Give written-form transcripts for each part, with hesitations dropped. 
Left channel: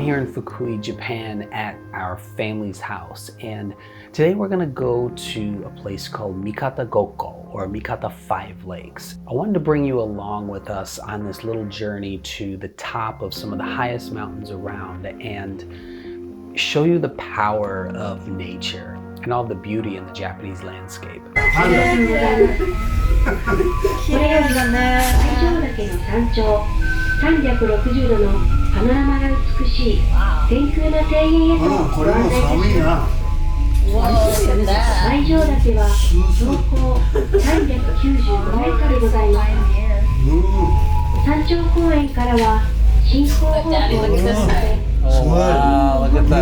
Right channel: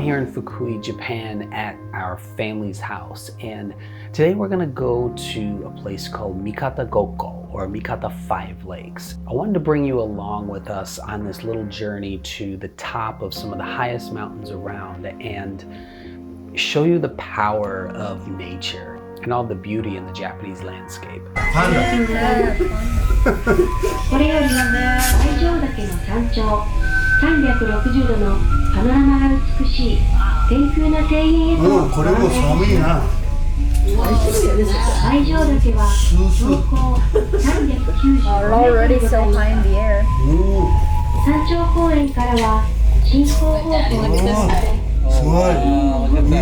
I'm here in Fukui, Japan at our family's house, and today we're gonna go to a place called Mikata Gokko, or Mikata 5 Lakes. I wanted to bring you along with us on this little journey to the top of some of the highest mountains around and show you the power of nature and all the beauty in the Japanese landscape. これより最上岳の山頂360度のパノラマが美しい天空の庭園へとご案内いたします。最上岳は標高395メートルございます。山頂公園からは進行方向を目指してすごい。いいね。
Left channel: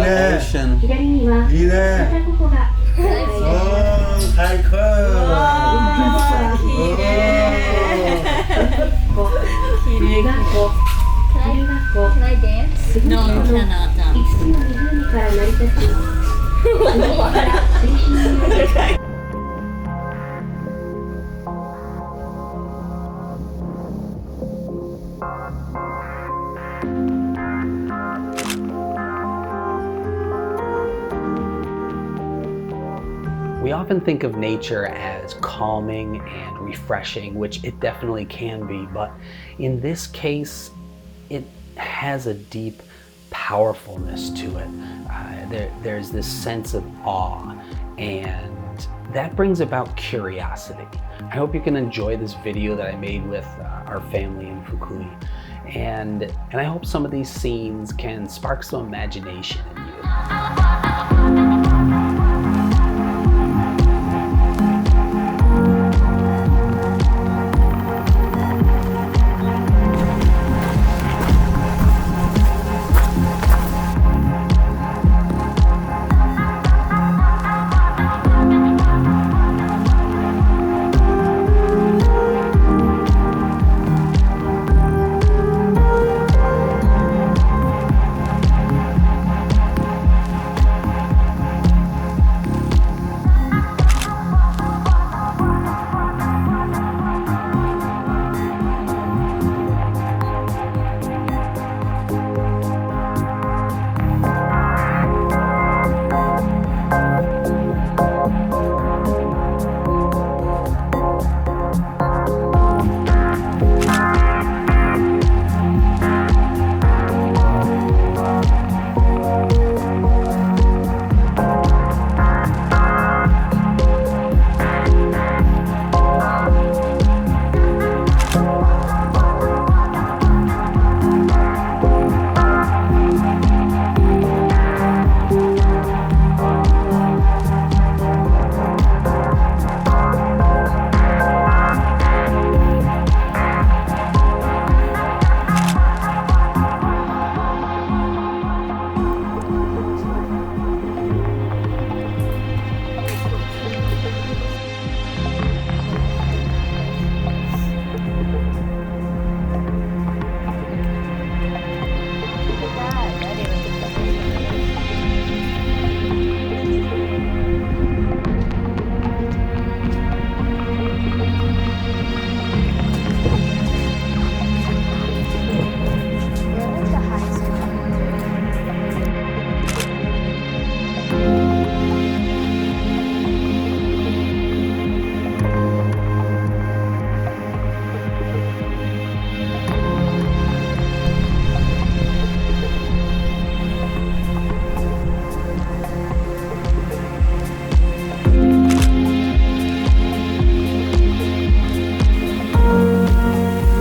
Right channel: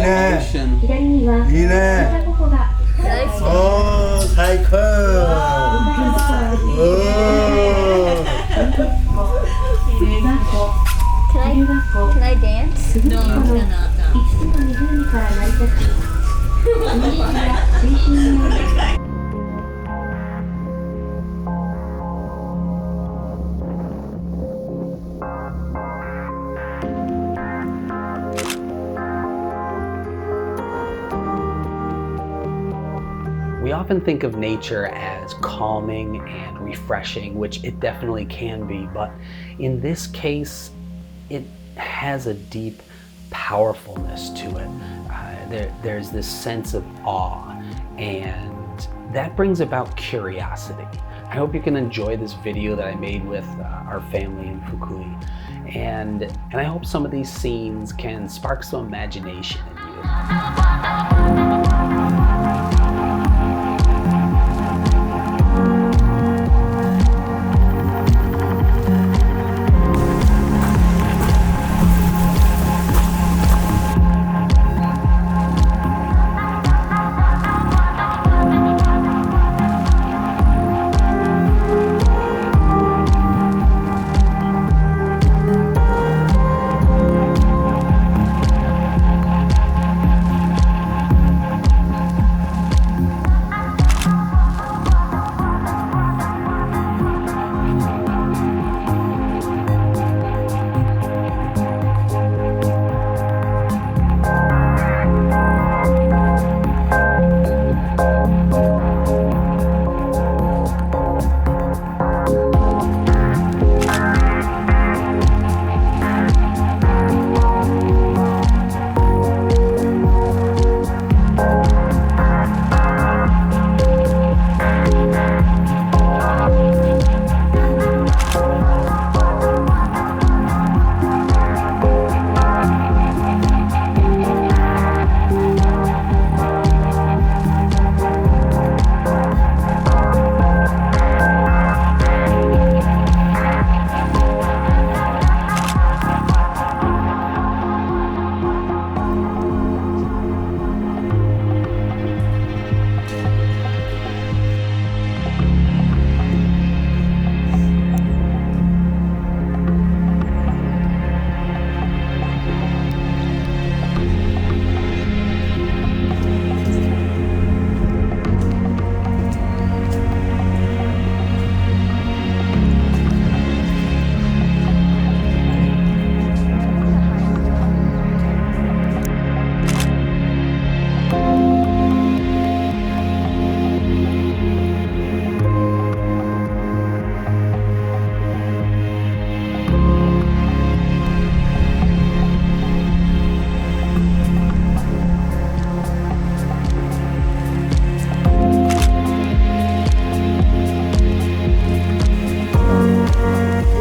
左には三方五湖が最高。Can I dance? No, no, no, no. 5つの湖から成り立ち、海から水深により We often think of nature as calming and refreshing, which it definitely can be, but in this case, it has a deep powerfulness to it. There's this sense of awe, and that brings about curiosity. I hope you can enjoy this video that I made with our family in Fukui, and I hope some of these scenes can spark some imagination in you.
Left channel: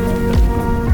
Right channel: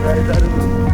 Right.